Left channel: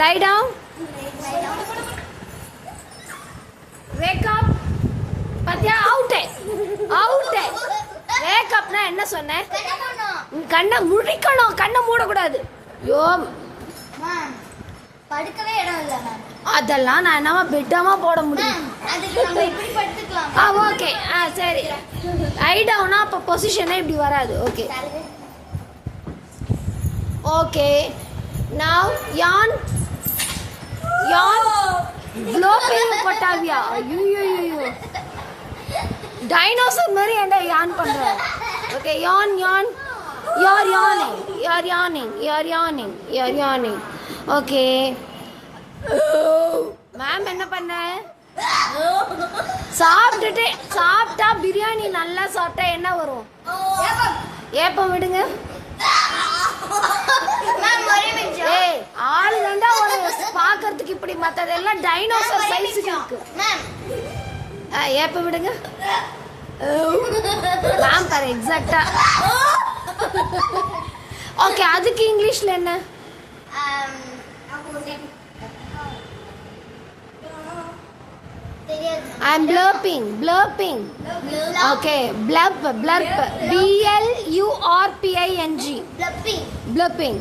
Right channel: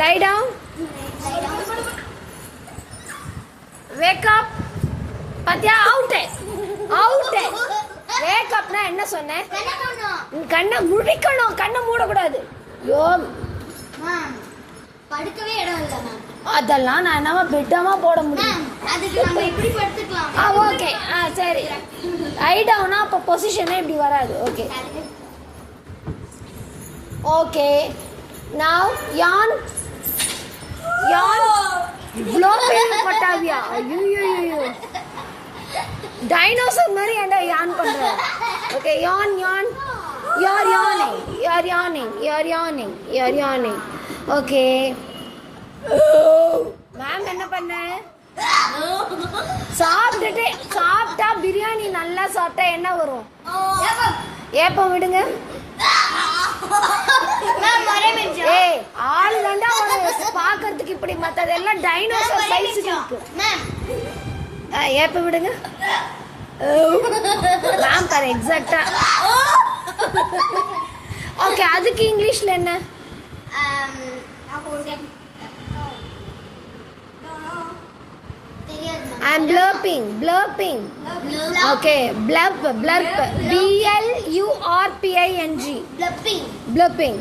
Lie down. Wake up. பாத்தியா out wake அப்னா என்ன சொன்னேன்? கண்ணை முழிக்கணும், கண்ணை மூடக்கூடாது. யோ படுக்கவே இடம் இல்ல மேம். அதெல்லாம் நான் என்னவா பெட்டமா போட முடியும்? அதுக்கு நம்ம இப்படி படுத்துக்கலாம். ஓகே சரி. ஐ டவுனா அப்ப பொசிஷனே இப்படி வராது. Okay okay. நவ் யான் ப்ளோபிங் கொட்டாவியா? ஐயோ டைனோசர் மாதிரி ஏன்டா யான் பண்ற? ஓகே யான் you are yawning. Okay ma'am என்ன பண்ண? சாப்பிட்டா பிரியாணி நல்லா சாப்பிட்டா என்ன வரும்? ஏப்பம் விடுங்க. ஏய் ஆளு தாண்டா பாக்குறதுக்கு இப்படி, மத்ததெல்லாம் டைனோசர் சைஸுக்கு இருக்கு. ஏப்பம் விடுங்க மேம் பாரு எக்ஸாக்டா. ஓகே அதுக்கு இங்கிலீஷ்ல என்ன? I'm blurping. Okay, blurp. BLURPING. Blurping.